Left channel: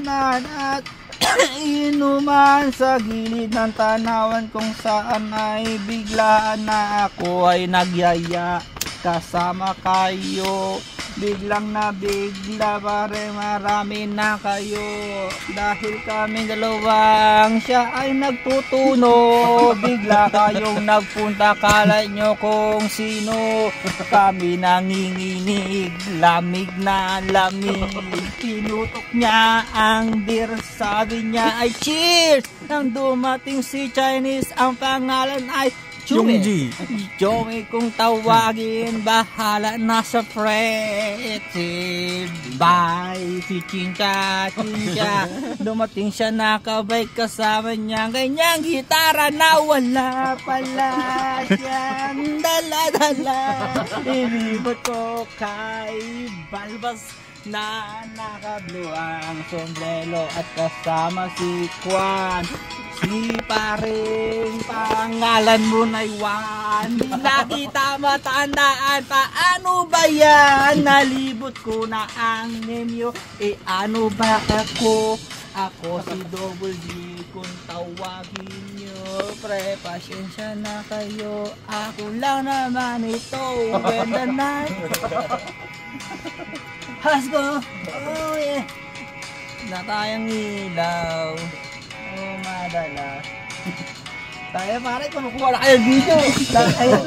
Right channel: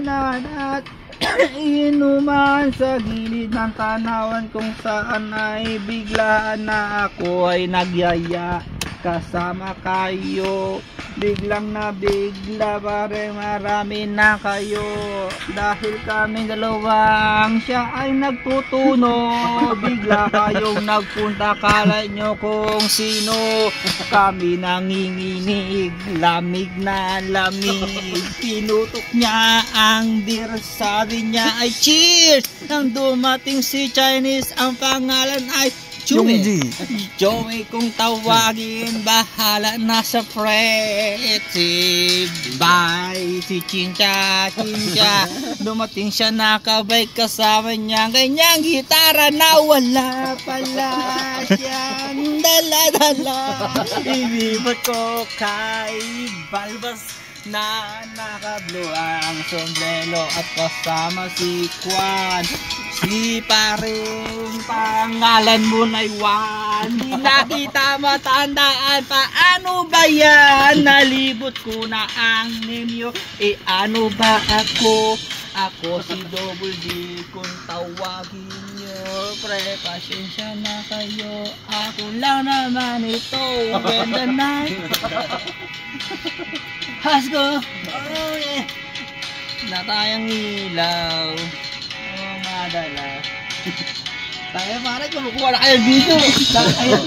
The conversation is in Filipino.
At inuman sa gilid ng tanawan kung saan ay biglaan na ako ay nagyaya kasama kayo. Biglang na bigla pare marami na kayo dahil kami dalawang siya ay nagtutuno. Bigla kayong nagpunta, kala nyo kung sino. Kami nanginginig, lamig na lamig. Pinutok niya ang beer, sabi niya ay cheers. Nang dumating si Chinese, ang pangalan ay Joey. Joey kung tawagin, bahala na sa pretty. Bye si Chincha, Chincha. Dumating siya, nakabay kasama niya ganyang gitara na wala pala siyang dala-dala. Ilibot ko kay Balbas na naka-blue ang sombrero at kasama si Juan. Si paring pangalan mo na Juan, di na kita matandaan. Paano ba yan? Nalibot ko na ang name. Ano ba ako? Ako si Double D kung tawagin nyo. Pre, pasensya na kayo. Ako lang naman ito. When the night has go. Oh yeah. Na tayong ilaw. Oh, madala. Tayo pare, manukuha na kayo dito. Tayo.